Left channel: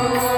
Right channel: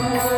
Oh.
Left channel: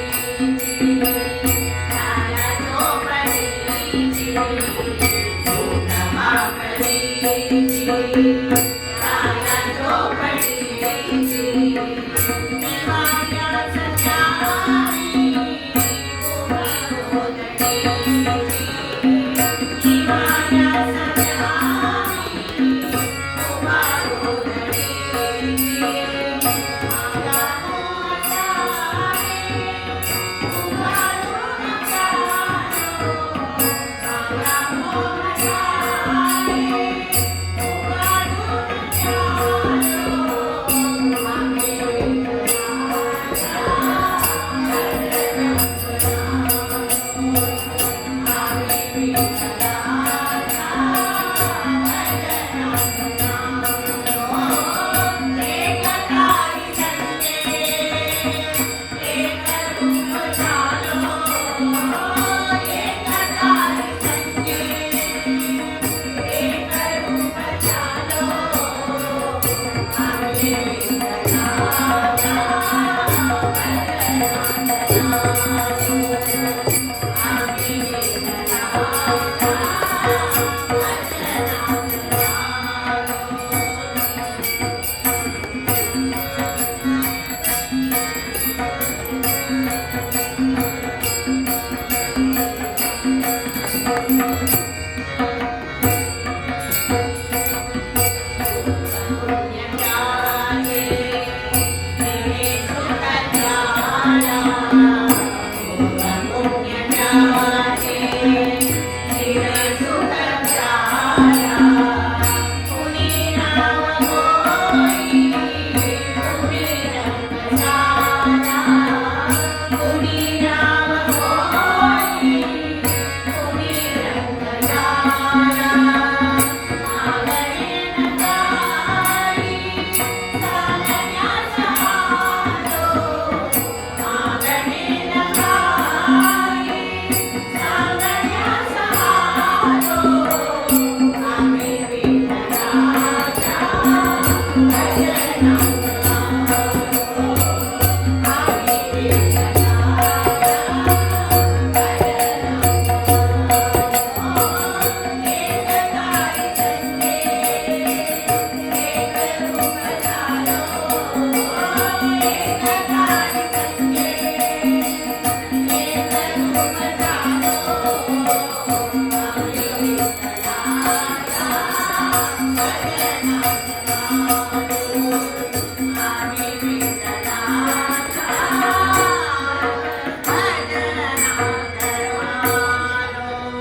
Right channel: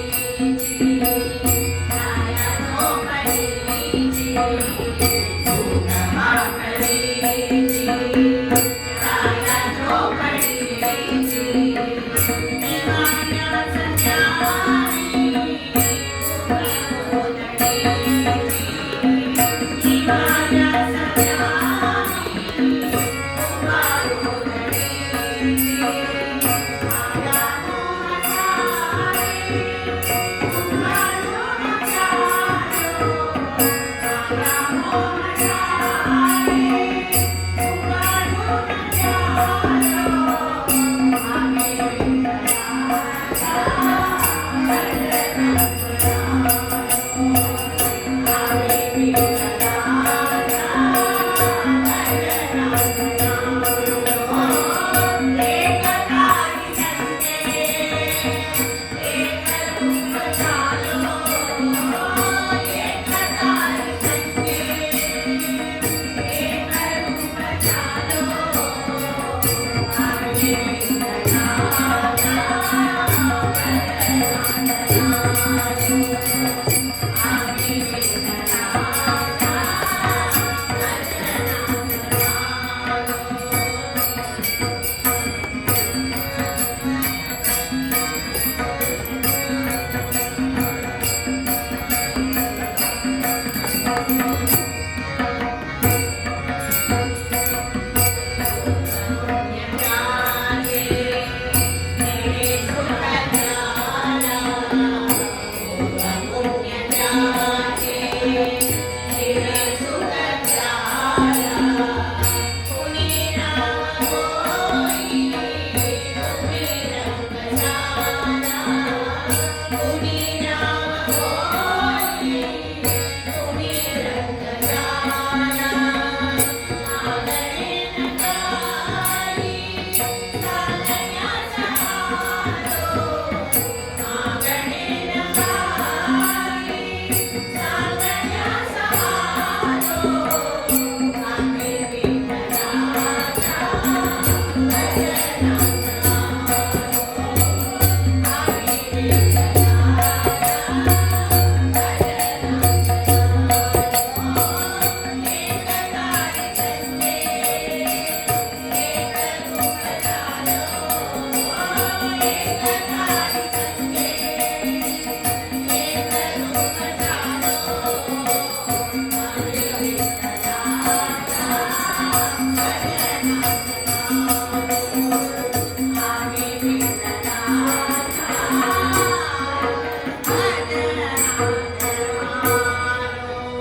Amém. Música Thank you.